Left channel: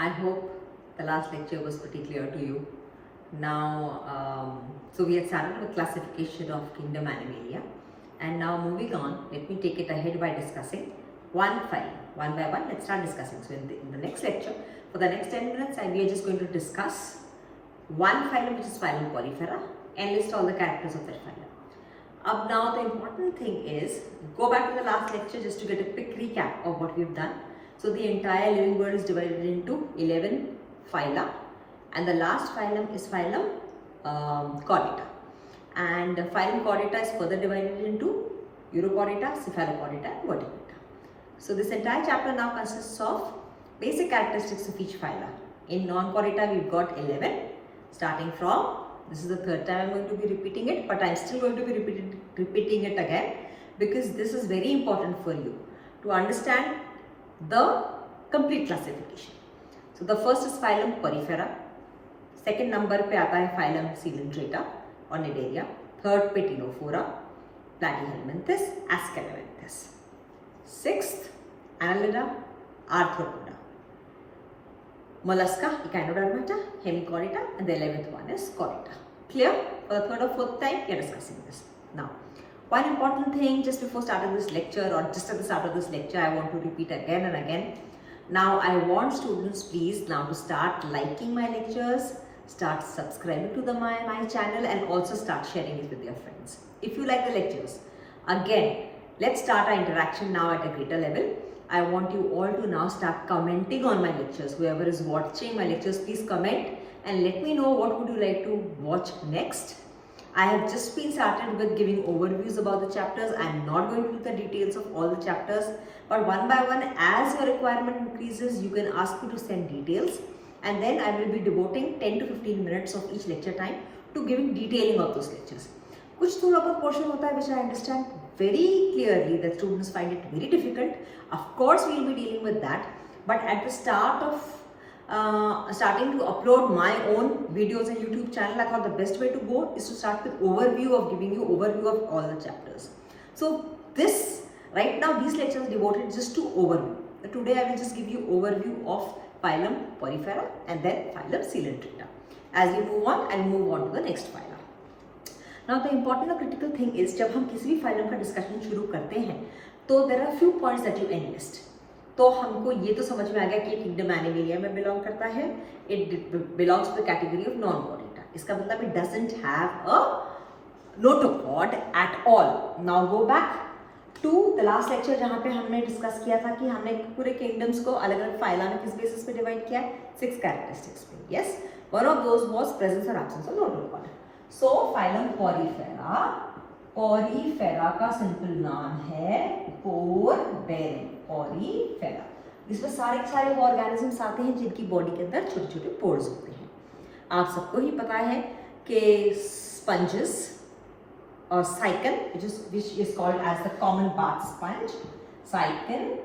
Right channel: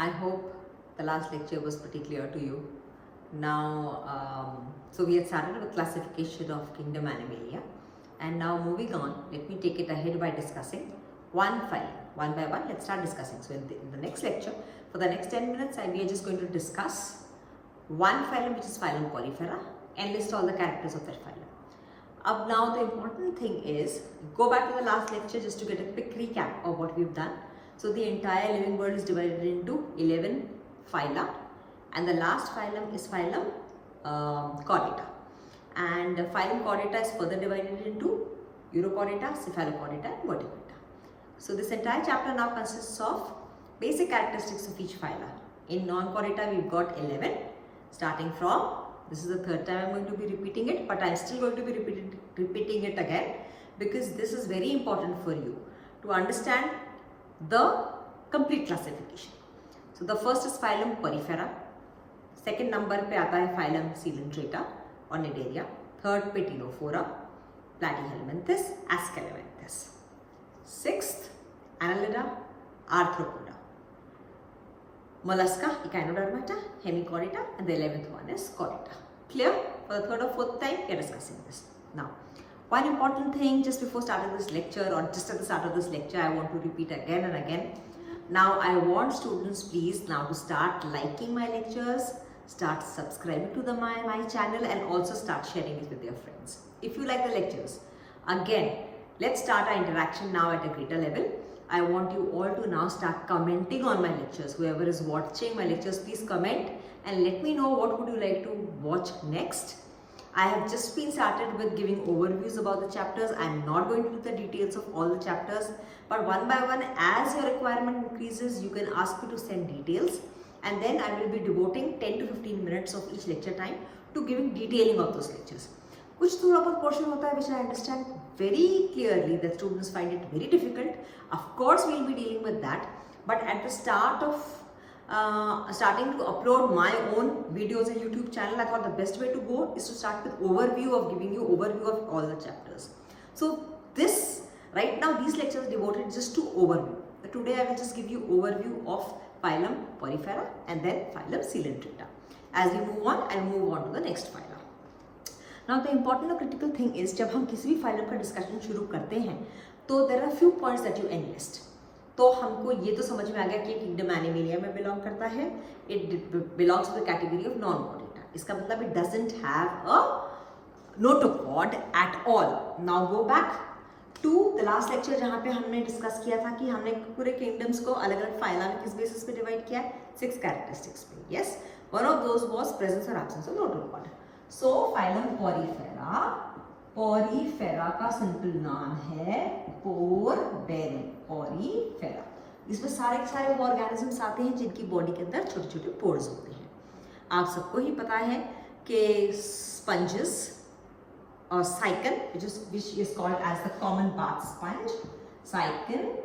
I hope the last lecture was pretty clear to you. Now, so we had started with classification of kingdom Animalia, and now moving on, let me take it ahead by discussing one phylum. One by one, let's start discussing. So in the next lecture, for the next 10 minutes, we are just going to discuss one phylum, which is Phylum Porifera, and list all the characters of that phylum. Now the important thing is, go back to the last lecture just to get a quick recap of what we've done. So the entire living world is divided into 11 phyla, and the last phylum is Phylum Chordata. And Phylum Chordata is further divided into Urochordata, Cephalochordata, and Vertebrata. So this entire chapter now consists of basic characteristics of each phyla. In non-chordata we've got 11, starting from, this is the third time I'm going to be repeating it, but I'm still going to be repeating it again because this is very important for you to understand the complete classification. So the first is Phylum Porifera, second number पे आता है Phylum Coelenterata और Cnidaria, third पे Ctenophora, Platyhelminthes, Ascalepiades, sixth Annelida, Arthropoda, Mollusca, Echinodermata, Hemichordata, and the 11th one is Chordata. Clear? For the third or fourth time we are discussing this. Now, one important thing just before starting this lecture, or just at the start of this lecture, I want to repeat again and again. Now I want students please now to start liking my lectures, start subscribing to my channel, and also start sharing it with your friends if you like the lectures. Again, let's start our interaction now at a greater level. I want you all to now start commenting on my lectures. Whoever is watching my lectures, please comment and let me know what would you like to watch next. I have just been started with giving overviews about the chapters. I am not going to do the details of all the chapters, but one by one, as your requirement increases, you can ask me to send details, and then I will be devoting 10 to 15 minutes of each lecture time to giving detailing of those lectures. कुछ थोड़ा बहुत portion होता है which I understand very clearly that students find it very difficult. Of course, we will be dealing with that, but at the start of starting to upload my own videos on YouTube channel, I thought the best way to go is to start with overview of giving you overview of all the chapters. So this, right now, these lectures are devoted just to overview. Today I will just give you overview of Phylum Porifera and then Phylum Coelenterata. As we move on, I will move on to the next phyla. Now the important or critical thing is, जब हम किसी भी phylum का discussion शुरू करते हैं, तो there are few points that you enlist. तो हमको ये तो समझ में आ गया कि kingdom Animalia में belong करता है, it belongs to the category of non-chordata. इसका मतलब it doesn't have a notochord at all. Now go back to the last lecture जहाँ पे हमने discuss किया था कि हमने पूरे kingdoms को अलग-अलग phyla में किस basis पे divide किया है, 6 characteristics पे. Yes, one of those was presence or absence of notochord. So Phylum Porifera, Porifera का simple नाम है पोर बेरिंग, Porifera. इसमें सारे वो organisms आते हैं जिनकी body के अंदर छोटे-छोटे pores होते हैं. आप सबको ही पता है कि sponges or cycon, which is called as the common bath sponge, cycon,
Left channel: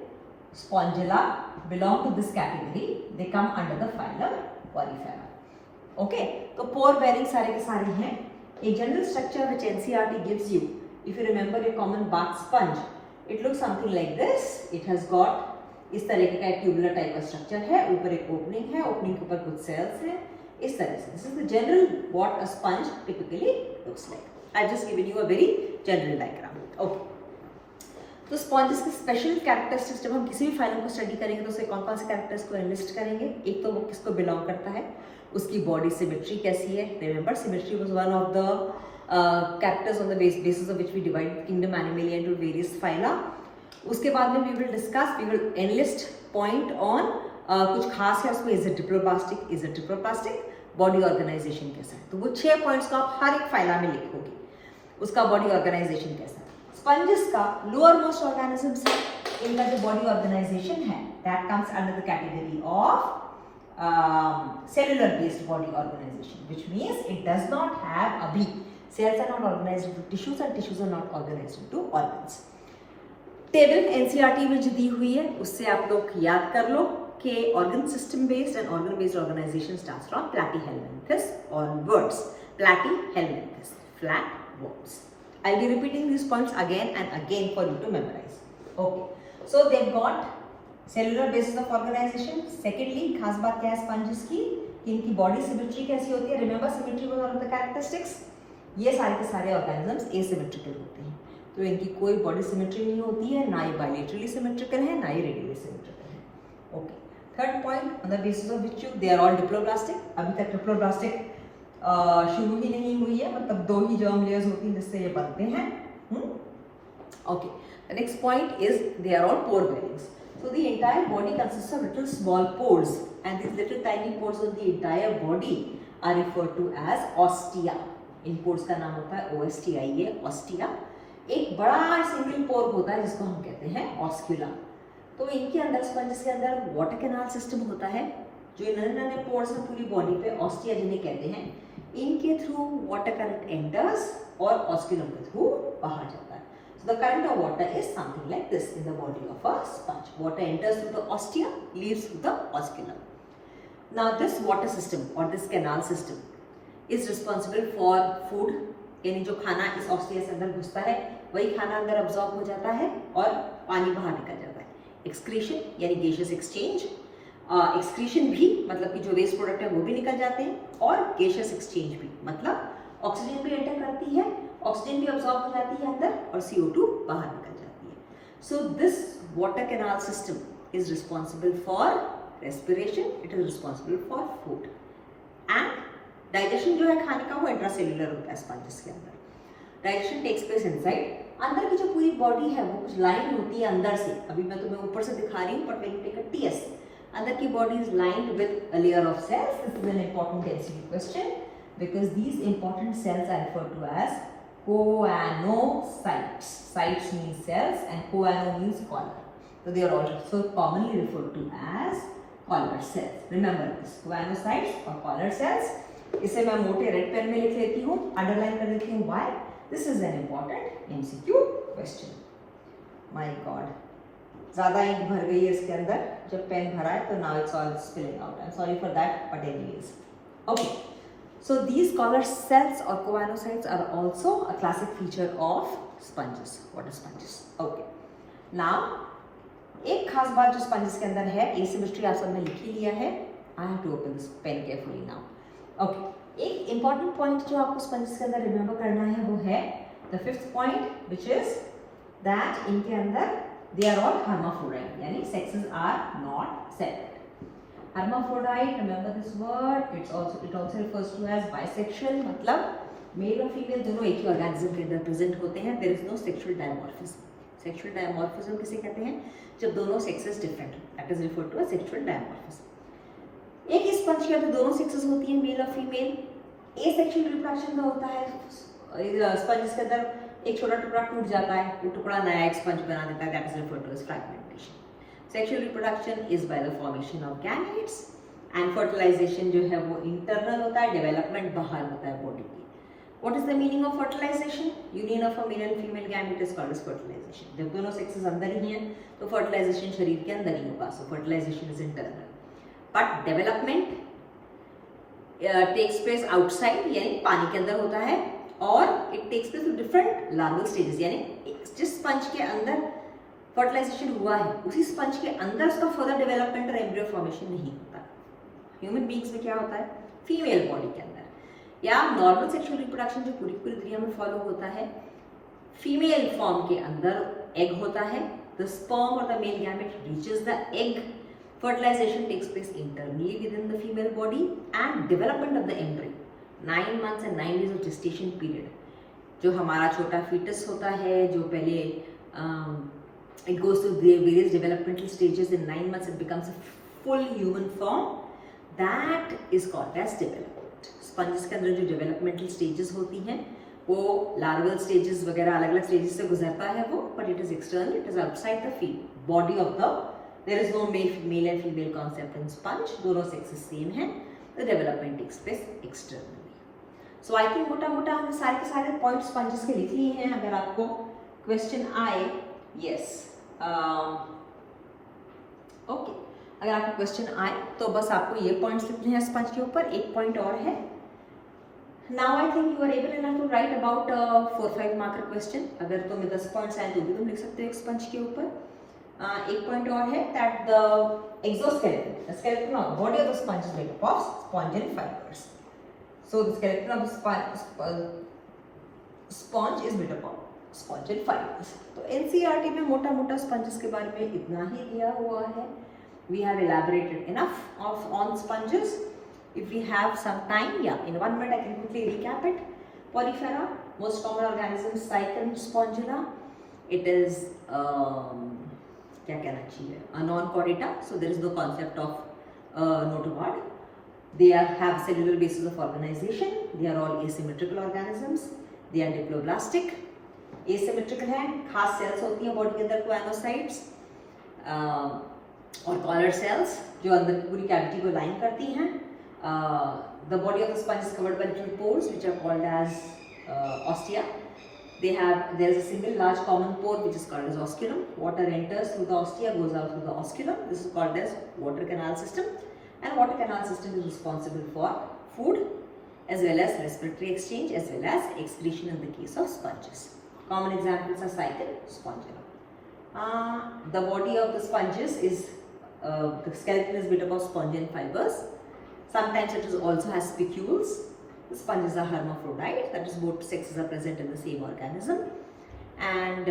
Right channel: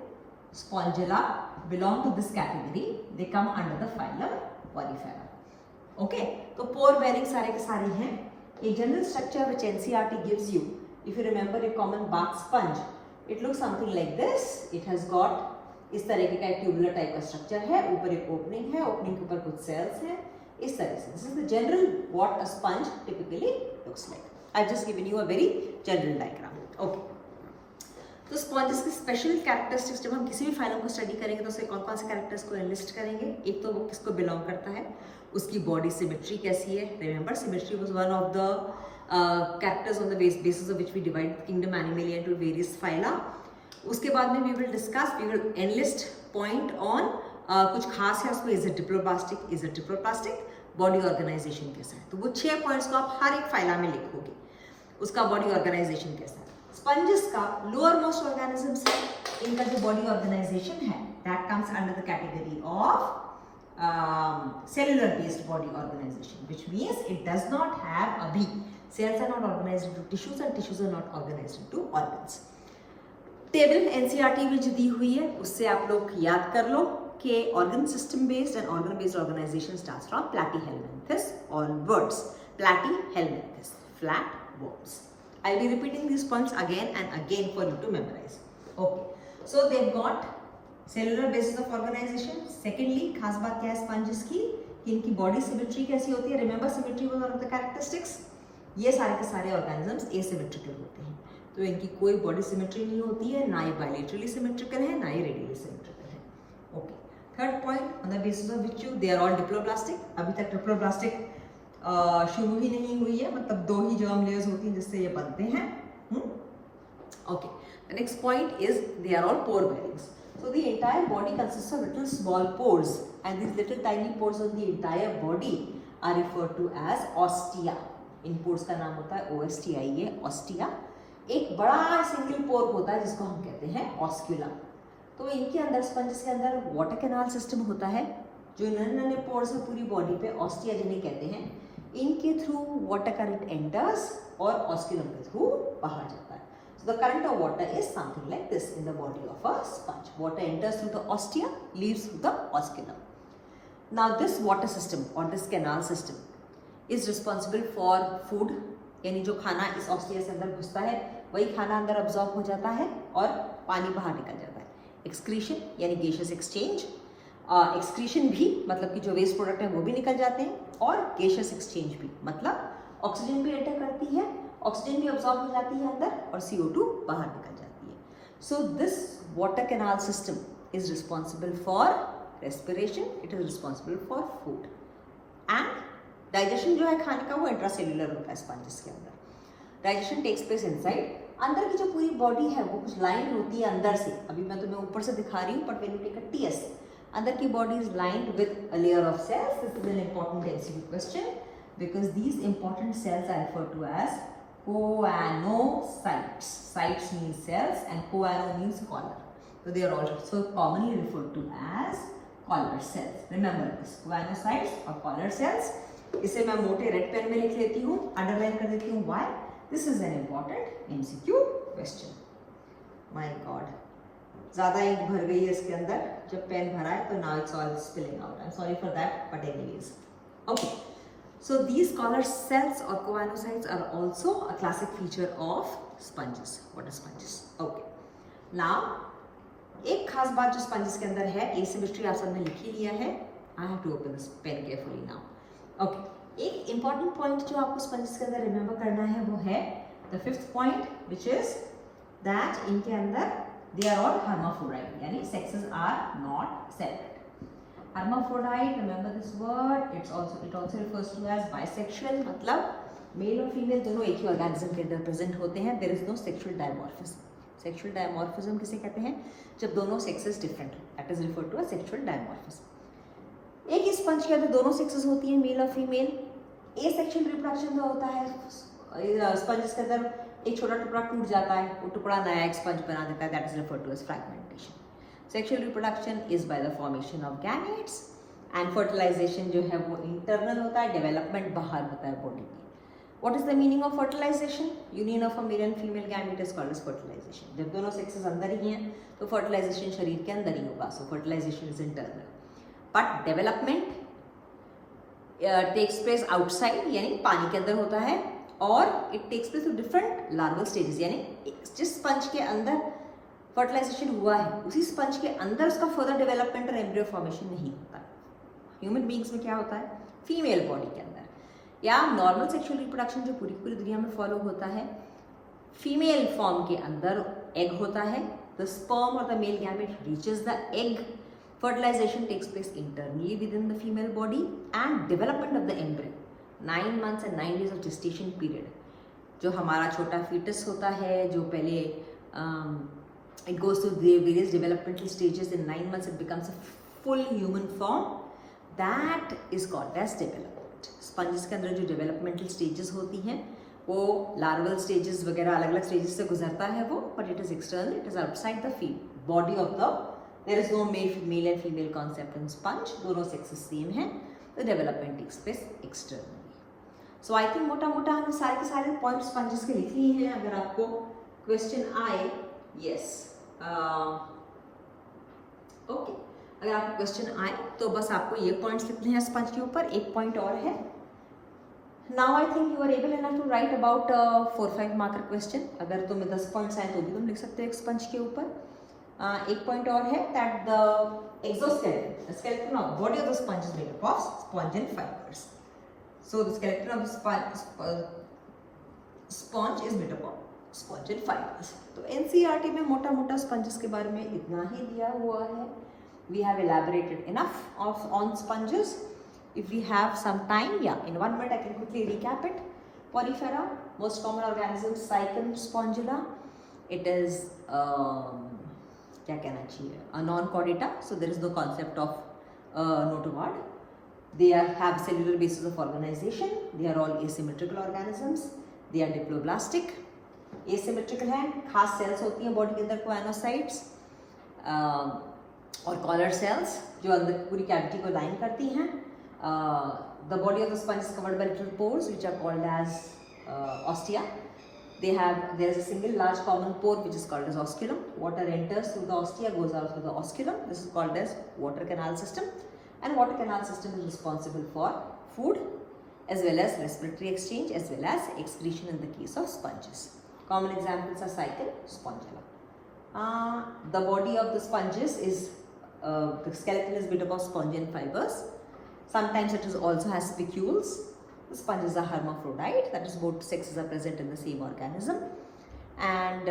spongilla belong to this category. They come under the Phylum Porifera. Okay, so pore bearing सारे के सारे हैं. A general structure which NCERT gives you, if you remember your common bath sponge, it looks something like this. It has got इस तरीके का एक tubular type का structure है, ऊपर एक opening है, opening के ऊपर कुछ cells हैं, इस तरह से. This is the general what a sponge typically looks like. I've just given you a very general diagram. Okay. तो स्पॉन्जेस के स्पेशल कैरेक्टरिस्टिक्स जब हम किसी भी फाइलम को स्टडी करेंगे तो उसके कौन कौन से कैरेक्टर्स को एनलिस्ट करेंगे. एक तो वो किसको बिलोंग करता है, उसकी बॉडी सिमेट्री कैसी है. Remember, symmetry was one of the characters on the basis of which we divide kingdom Animalia into various phyla. उसके बाद में we will enlist point on कुछ खास है उसमें. Is it triploblastic, body organisation कैसा है. तो वो 6 पॉइंट्स को आप हर एक फाइला में लिखोगे, उसका बॉडी ऑर्गेनाइजेशन कैसा है. स्पंजेस का लोअर मोस्ट ऑर्गेनिजम्स है, इनका जो बॉडी ऑर्गेनाइजेशन है that comes under the category of cellular based body organization, which means it does not have abhi, cells are not organized into tissues and tissues are not organized into organs. Table NCERT में जो दी हुई है उससे आप लोग याद कर लो कि organ system based and organ based organization starts from Platyhelminthes onwards. Platyhelminthes, flat worms. I'll be repeating these points again and again for you to memorize. Okay, so they've got cellular basis of organisation. Secondly खास बात क्या है sponges की कि इनकी body symmetry कैसी होती है, remember symmetry was one of the characteristics. ये सारे के सारे ऑर्गेनिजम्स एसिमेट्रिकल होते हैं, तो इनकी कोई बॉडी सिमेट्री नहीं होती है, ना ये बायलेटरली सिमेट्रिकल है ना ये रेडियली सिमेट्रिकल है। Okay, third point, on the basis of which they are all diploblastic. अभी तक डिप्लोब्लास्टिक शुरू ही नहीं हुई है, मतलब 2 ही जर्म लेयर्स होती हैं जिससे ये बनते हैं। Okay, the next point is they are all pore bearings. So the entire body consists of little small pores, and these little tiny pores of the entire body are referred to as ostia. In pores का नाम होता है OSTIA, ostia। एक बड़ा single पोर होता है जिसको हम कहते हैं ऑस्क्यूला। तो इनके अंदर स्पंजेस के अंदर वाटर कैनाल सिस्टम होता है, जो नन्हे नन्हे पोर्स हैं पूरी बॉडी पे, ऑस्टिया जिन्हें कहते हैं। इनके थ्रू वाटर करंट एंटर्स और ऑस्क्यूलम के थ्रू बाहर जाता है। So the current of water is something like this in the body of a sponge. Water enters through the ostia, leaves through the osculum. Now this water system or this canal system is responsible for food, यानी जो खाना इस ostia से अंदर घुसता है वही खाना अंदर अब्जॉर्ब हो जाता है और पानी बाहर निकल जाता है। एक्सक्रीशन यानी गैसियस एक्सचेंज, एक्सक्रीशन भी मतलब कि जो वेस्ट प्रोडक्ट है वो भी निकल जाते हैं, और गैसियस एक्सचेंज भी मतलब ऑक्सीजन भी एंटर करती है, ऑक्सीजन भी अब्सॉर्ब हो जाती है अंदर और CO2 बाहर निकल जाती है। So this water canal system is responsible for respiration, it is responsible for food and digestion. जो है खाने का वो इंट्रासेल्युलर होता है स्पंजेस के अंदर। Digestion takes place inside. अंदर की जो पूरी बॉडी है वो कुछ लाइन होती है अंदर से, अभी मैं तुम्हें ऊपर से दिखा रही हूँ, but when you take a TS, अंदर की body is lined with a layer of cells. This is an important MCQ question because these important cells are referred to as choanocytes. Cytes means cells and choano means collar. So they are also commonly referred to as collar cells. Remember this, choanocytes or collar cells. इसे मैं मोटे red pen में लिख लेती हूँ, underline कर देती हूँ। Why? This is an important MCQ question. My God, ज़्यादा इंक भर गई है इसके अंदर, जब पेन भरा है तो now it's all spilling out. I'm sorry for that, but anyways. Okay. So these collar cells or choanocytes are also a classic feature of sponges, water sponges. Okay. Now, एक खास बात जो sponges के अंदर है, asymmetry आप सबने लिख ही लिया है। I have to open this pen carefully now. Okay. एक important point जो आपको sponges के अंदर remember करना है वो है the 5th point, which is that इनके अंदर they are all hermaphrodite, यानी sexes are not separate. Hermaphrodite, remember this word, it also refers to as bisexual, मतलब मेल और फीमेल दोनों एक ही ऑर्गेनिज्म के अंदर प्रेजेंट होते हैं। There is no sexual dimorphism. Sexual dimorphism किसे कहते हैं? जब दोनों सेक्सेस डिफरेंट हो, that is referred to as sexual dimorphism. एक ही स्पंज के अंदर दोनों सेक्सेस होती हैं, मेल और फीमेल। एसेक्सुअल रिप्रोडक्शन का होता है स्पंज के अंदर, एक छोटा टुकड़ा टूट जाता है, वो टुकड़ा नया एक स्पंज बना देता है, that is referred to as fragmentation. Sexual reproduction is by the formation of gametes and fertilisation जो है वो इंटरनल होता है, डेवलपमेंट बाहर होता है बॉडी की। What is the meaning of fertilization? Union of a male and female gamete is called as fertilization. जब दोनों सेक्सेस अंदर ही हैं तो फर्टिलाइजेशन शरीर के अंदर ही होगा, so fertilization is internal. But development takes place outside, यानी पानी के अंदर होता है, और it takes place through different larval stages, यानी जिस स्पंज के अंदर फर्टिलाइजेशन हुआ है उसी स्पंज के अंदर उसका फर्दर डेवलपमेंट और एम्ब्रियो फॉर्मेशन नहीं होता। ह्यूमन बींग्स में क्या होता है? फीमेल बॉडी के अंदर या नॉर्मल सेक्सुअल रिप्रोडक्शन जो पूरी पूरी दुनिया में फॉलो होता है, फीमेल फॉर्म के अंदर एग होता है, द स्पर्म और the male gamete reaches the egg, fertilisation takes place internally within the female body and development of the embryo. 9 months and 9 days of gestation period, जो हमारा छोटा foetus होता है, जो पहले it goes through various developmental stages. In 9 months it becomes a full human form, that is called as development. Sponges के अंदर जो डेवलपमेंटल स्टेजेस होती हैं वो लार्वल स्टेजेस वगैरह अलग अलग स्टेजेस से गुजरता है वो, but it is external, it is outside the field body of the, there is no male and female concept in sponge, दोनों सेक्सेस सेम है, the development takes place externally. So I think मोटा मोटा हमने सारे के सारे point sponges के लिख लिए हैं। अगर आपको क्वेश्चन आए, यस ओके, अगर आपको क्वेश्चन आए तो बस आपको ये पॉइंट्स लिखने हैं स्पंज के ऊपर। एक पॉइंट और है, now I think you are able enough to write about 4-5 marker question. अगर तुम्हें 10 पॉइंट्स आए तो भी तुम लिख सकते हो एक स्पंज के ऊपर। एक पॉइंट और है that the exoskeleton, the skeleton of body of the sponge is made up of sponge and fibers. So the skeleton of the sponge is made up of sponge and fibers. तो NCERT में मोटा मोटा sponges के बारे में इतना ही दिया हुआ है. We have elaborated enough on sponges. If we have some time, yeah, in 1 minute I can quickly recap it. Porifera, most common organism, Cyclone spongula. It is क्या कहना चाहिए, a non-chordata, so there is no concept of notochord. They have cellular basis of organization. They are all asymmetrical organisms. They are diploblastic. Asymmetrical है, खास cells होती हैं body के अंदर choanocytes और collar cells जो अंदर पूरी cavity को line करती हैं. The body of the sponge is covered by little pores which are called as ostia. There is a single large common pore which is called as osculum. Water enters through the ostia, goes out through the osculum. This is called as water canal system. And water canal system is responsible for food as well as respiratory exchange as well as excretion in the case of sponges. Common examples are cyclone, spongula. The body of the sponges is, the skeleton is made up of sponge and fibers. Sometimes it also has spicules. The sponges are hermaphrodite, that is both sexes are present in the same organism. And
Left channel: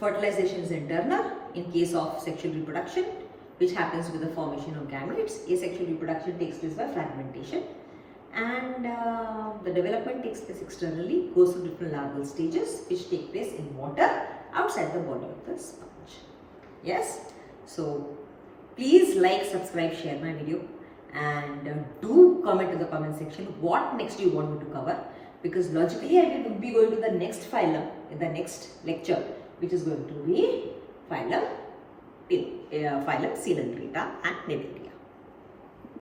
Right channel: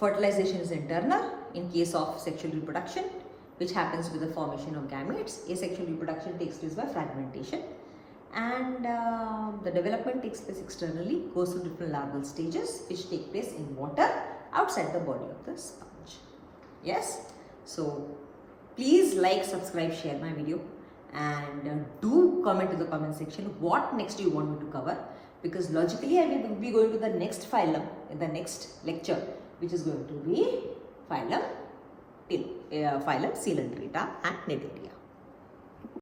fertilization is internal in case of sexual reproduction, which happens with the formation of gametes. Asexual reproduction takes place by fragmentation. And the development takes place externally, goes through different larval stages which take place in water outside the body of the sponge. Yes? So, please like, subscribe, share my video. And do comment in the comment section what next you want me to cover, because logically I will be going to the next phylum in the next lecture, which is going to be phylum Coelenterata and Nebula.